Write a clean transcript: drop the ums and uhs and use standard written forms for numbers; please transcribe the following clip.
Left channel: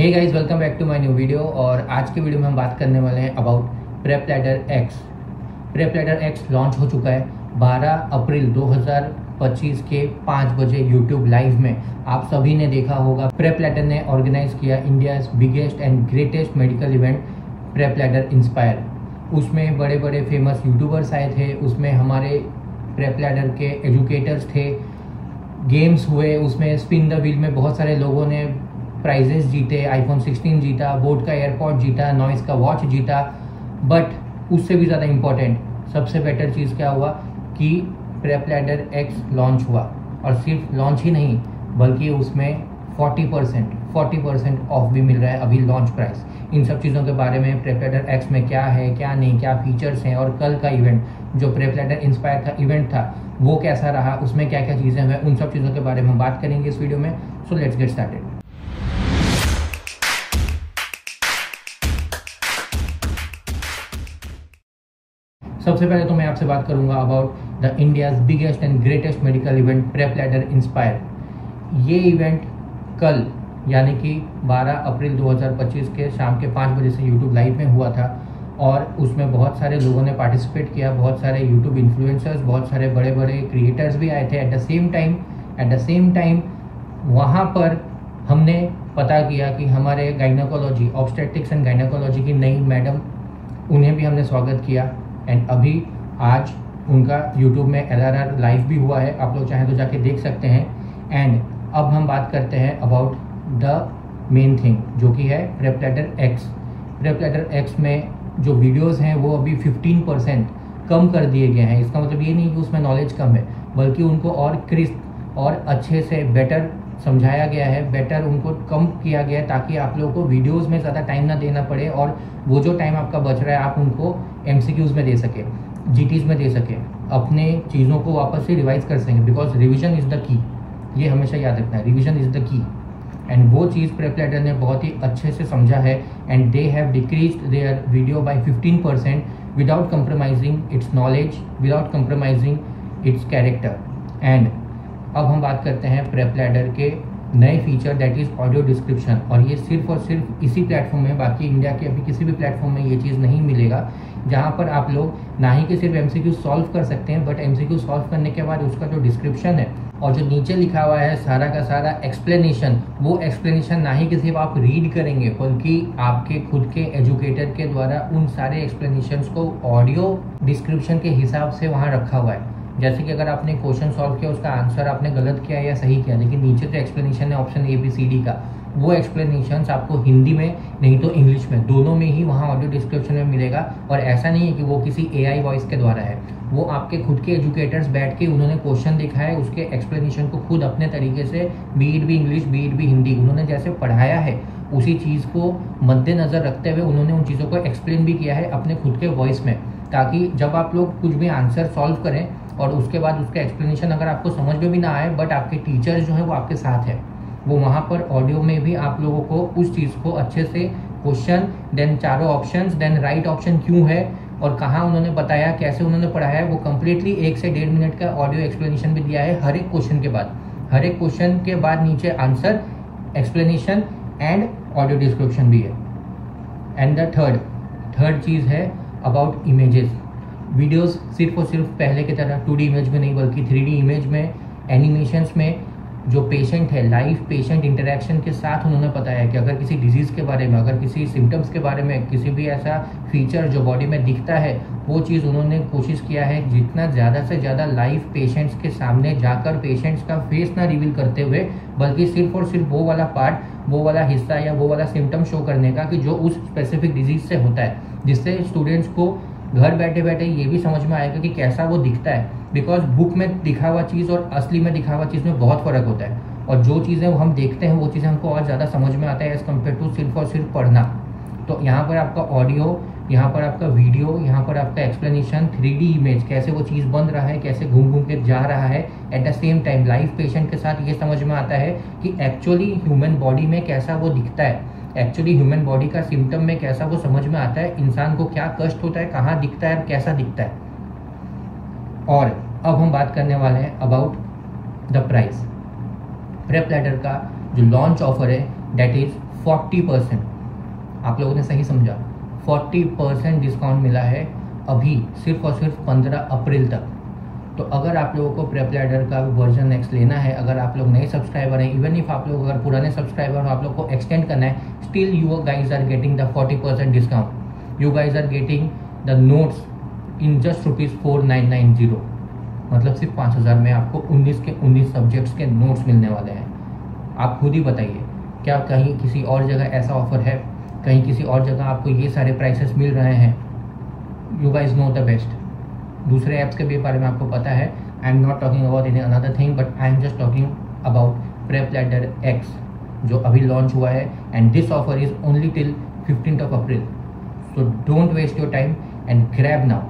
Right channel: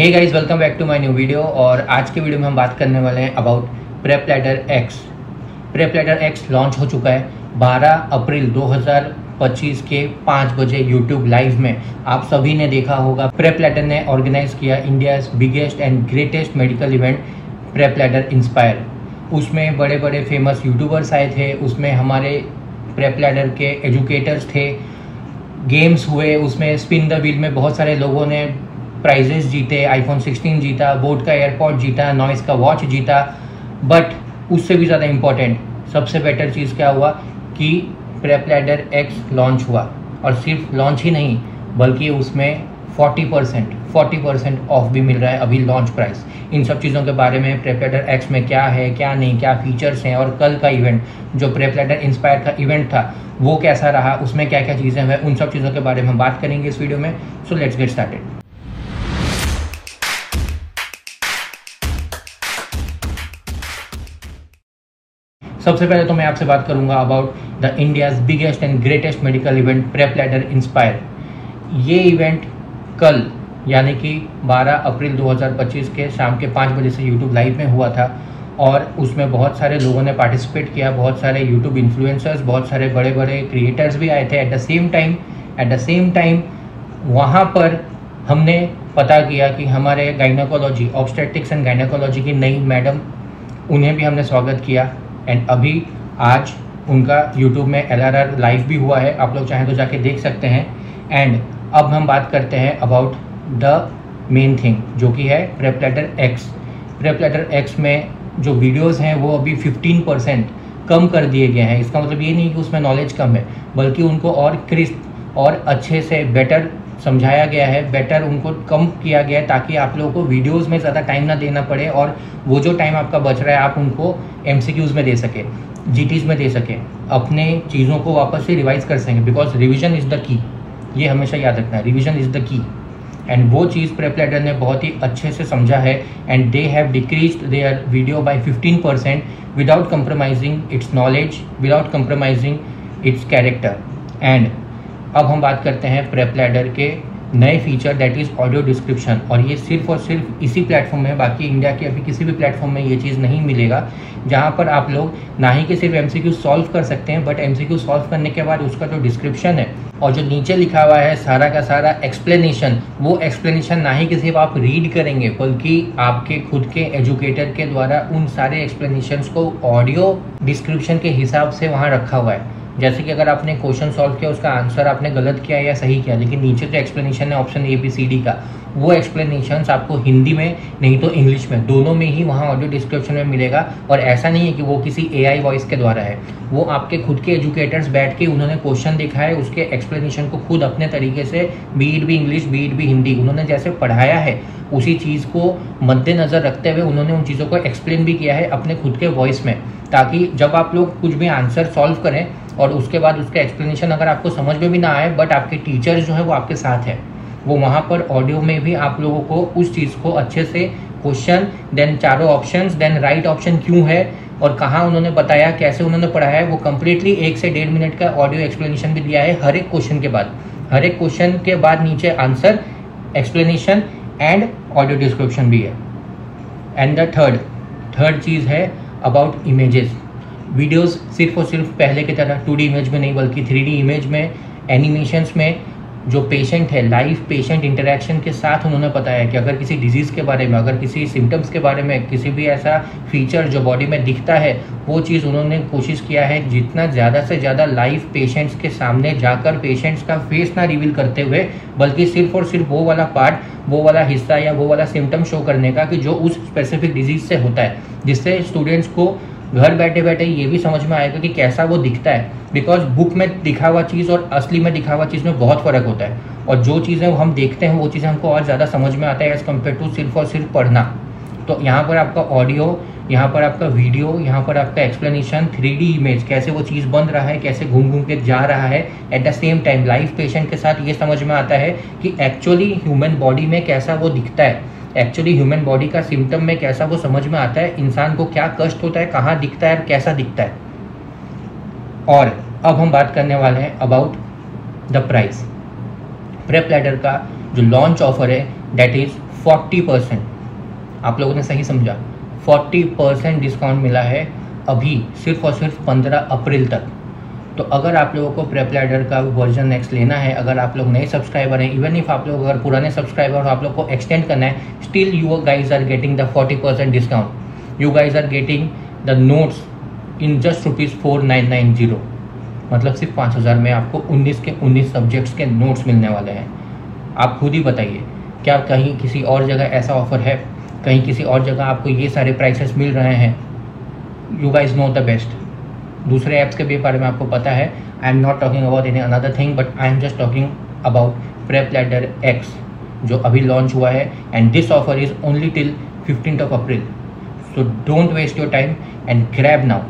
Hey guys, welcome back to my new video. और आज के वीडियो में हम बात करने वाले हैं about prep ladder x. Prep ladder x launch हो चुका है 12 अप्रैल 2025 के 5 बजे यूट्यूब लाइव में। आप सभी ने देखा होगा, प्रेप लैडर ने ऑर्गेनाइज किया India's biggest and greatest medical event prep ladder inspire. उसमें बड़े बड़े फेमस यूट्यूबर्स आए थे, उसमें हमारे प्रेप लैडर के एजुकेटर्स थे, गेम्स हुए, उसमें स्पिन द व्हील में बहुत सारे लोगों ने प्राइजेस जीते, iPhone 16 जीता, बोट का एयरपॉड जीता, नॉइस का वॉच जीता। बट उससे भी ज़्यादा इम्पोर्टेंट, सबसे बेटर चीज़ क्या हुआ कि प्रेप लैडर एक्स लॉन्च हुआ। और सिर्फ लॉन्च ही नहीं, बल्कि उसमें 40% ऑफ भी मिल रहा है अभी लॉन्च प्राइस। इन सब चीज़ों के बारे में प्रेप लैडर एक्स में क्या है, क्या नहीं, क्या फीचर्स हैं, और कल का इवेंट जो प्रेप लैडर इंस्पायर का इवेंट था वो कैसा रहा, उसमें क्या क्या चीज़ें हैं, उन सब चीज़ों के बारे में हम बात करेंगे इस वीडियो में। So let's get started. सबसे पहले तो मैं आपसे बात करूंगा about the India's biggest and greatest medical event prep ladder inspire. ये इवेंट कल यानी कि 12 अप्रैल 2025 के शाम के 5 बजे से यूट्यूब लाइव में हुआ था। और उसमें बहुत सारे लोगों ने पार्टिसिपेट किया, बहुत सारे यूट्यूब इन्फ्लुएंसर्स, बहुत सारे बड़े बड़े क्रिएटर्स भी आए थे। एट द सेम टाइम वहाँ पर हमने पता किया कि हमारे गाइनोकोलॉजी, ऑब्स्टेट्रिक्स एंड गाइनोकोलॉजी की नई मैडम, उन्हें भी हमने स्वागत किया। एंड अभी आज उनका यूट्यूब में LRR लाइव भी हुआ है, आप लोग चाहें तो जाके देख सकते हैं। एंड अब हम बात करते हैं अबाउट द मेन थिंग जो कि है prep ladder x. Prep ladder x में जो वीडियोस हैं वो अभी 15% कम कर दिए गए हैं। इसका मतलब ये नहीं कि उसमें नॉलेज कम है, बल्कि उनको और क्रिस्प और अच्छे से बेटर समझाया गया है, बेटर उनको कम किया गया है, ताकि आप लोगों को वीडियोस में ज़्यादा टाइम ना देना पड़े और वो जो टाइम आपका बच रहा है आप उनको MCQs में दे सके, GTs में दे सके, अपने चीज़ों को वापस से रिवाइज कर सकें। Because revision is the key, ये हमेशा याद रखना है, revision is the key. And वो चीज़ प्रेप लैडर ने बहुत ही अच्छे से समझा है। And they have decreased their video by 15% without compromising its knowledge, without compromising its character. And अब हम बात करते हैं प्रेप लैडर के नए feature, that is audio description. और ये सिर्फ और सिर्फ इसी प्लेटफॉर्म में, बाकी इंडिया के अभी किसी भी प्लेटफॉर्म में ये चीज़ नहीं मिलेगा, जहाँ पर आप लोग ना ही कि सिर्फ MCQ सॉल्व कर सकते हैं, बट MCQ सॉल्व करने के बाद उसका जो डिस्क्रिप्शन है और जो नीचे लिखा हुआ है सारा का सारा एक्सप्लेनेशन, वो एक्सप्लेनेशन ना ही कि सिर्फ आप रीड करेंगे, बल्कि आपके खुद के एजुकेटर के द्वारा उन सारे एक्सप्लेनेशंस को ऑडियो डिस्क्रिप्शन के हिसाब से वहाँ रखा हुआ है। जैसे कि अगर आपने क्वेश्चन सॉल्व किया, उसका आंसर आपने गलत किया या सही किया, लेकिन नीचे जो एक्सप्लेनेशन है ऑप्शन ABCD का, वो एक्सप्लेनेशंस आपको हिंदी में नहीं तो इंग्लिश में, दोनों में ही वहाँ ऑडियो डिस्क्रिप्शन में मिलेगा। और ऐसा नहीं है कि वो किसी AI वॉइस के द्वारा है, वो आपके खुद के एजुकेटर्स बैठ के उन्होंने क्वेश्चन देखा है, उसके एक्सप्लेनेशन को खुद अपने तरीके से, बीट भी इंग्लिश बीट भी हिंदी, उन्होंने जैसे पढ़ाया है उसी चीज़ को मद्देनज़र रखते हुए उन्होंने उन चीज़ों को एक्सप्लेन भी किया है अपने खुद के वॉइस में, ताकि जब आप लोग कुछ भी आंसर सॉल्व करें और उसके बाद उसका एक्सप्लेनेशन अगर आपको समझ में भी ना आए, बट आपके टीचर्स जो है वो आपके साथ है, वो वहाँ पर ऑडियो में भी आप लोगों को उस चीज़ को अच्छे से क्वेश्चन, देन चारों ऑप्शंस, देन राइट ऑप्शन क्यों है और कहाँ उन्होंने बताया, कैसे उन्होंने पढ़ाया है, वो कम्प्लीटली 1 से 1.5 मिनट का ऑडियो एक्सप्लेनेशन भी दिया है हर एक क्वेश्चन के बाद। हर एक क्वेश्चन के बाद नीचे answer, explanation and audio description भी है। एंड द थर्ड चीज़ है अबाउट इमेजेस। वीडियोस सिर्फ और सिर्फ पहले की तरह 2D इमेज में नहीं, बल्कि 3D इमेज में, एनिमेशंस में, जो पेशेंट है लाइव पेशेंट इंटरेक्शन के साथ उन्होंने बताया कि अगर किसी डिजीज़ के बारे में, अगर किसी सिम्टम्स के बारे में, किसी भी ऐसा फीचर जो बॉडी में दिखता है, वो चीज़ उन्होंने कोशिश किया है जितना ज़्यादा से ज़्यादा लाइव पेशेंट्स के सामने जाकर पेशेंट्स का फेस ना रिवील करते हुए, बल्कि सिर्फ और सिर्फ वो वाला पार्ट, वो वाला हिस्सा या वो वाला सिम्टम शो करने का कि जो उस स्पेसिफिक डिजीज़ से होता है, जिससे स्टूडेंट्स को घर बैठे बैठे ये भी समझ में आएगा कि कैसा वो दिखता है। बिकॉज बुक में दिखा हुआ चीज़ और असली में दिखा हुआ चीज़ में बहुत फ़र्क होता है, और जो चीज़ें हम देखते हैं वो चीज़ें हमको और ज़्यादा समझ में आता है एज़ कम्पेयर टू सिर्फ और सिर्फ पढ़ना। तो यहाँ पर आपका ऑडियो, यहाँ पर आपका वीडियो, यहाँ पर आपका एक्सप्लेनेशन, 3D इमेज, कैसे वो चीज़ बन रहा है, कैसे घूम घूम के जा रहा है, at the same time live patient के साथ ये समझ में आता है कि एक्चुअली ह्यूमन बॉडी में कैसा वो दिखता है, एक्चुअली ह्यूमन बॉडी का सिम्टम में कैसा वो समझ में आता है, इंसान को क्या कष्ट होता है, कहाँ दिखता है और कैसा दिखता है। और अब हम बात करने वाले हैं about the price. Prep ladder का जो लॉन्च ऑफर है दैट इज़ 40%, आप लोगों ने सही समझा, 40% डिस्काउंट मिला है अभी सिर्फ और सिर्फ 15 अप्रैल तक। तो अगर आप लोगों को प्रेप लैडर का वर्जन नेक्स्ट लेना है, अगर आप लोग नए सब्सक्राइबर हैं, इवन इफ आप लोग अगर पुराने सब्सक्राइबर हो, आप लोग को एक्सटेंड करना है, still you guys are getting the 40% discount. You guys are getting the notes in just ₹4,990, मतलब सिर्फ 5,000 में आपको 19 के 19 सब्जेक्ट्स के नोट्स मिलने वाले हैं। आप खुद ही बताइए, क्या कहीं किसी और जगह ऐसा ऑफर है? कहीं किसी और जगह आपको ये सारे प्राइसेस मिल रहे हैं? You guys know the best. दूसरे ऐप्स के भी बारे में आपको पता है। I am not talking about any another thing, but I am just talking about prep ladder x जो अभी लॉन्च हुआ है, and this offer is only till 15th of April. So don't waste your time and grab now.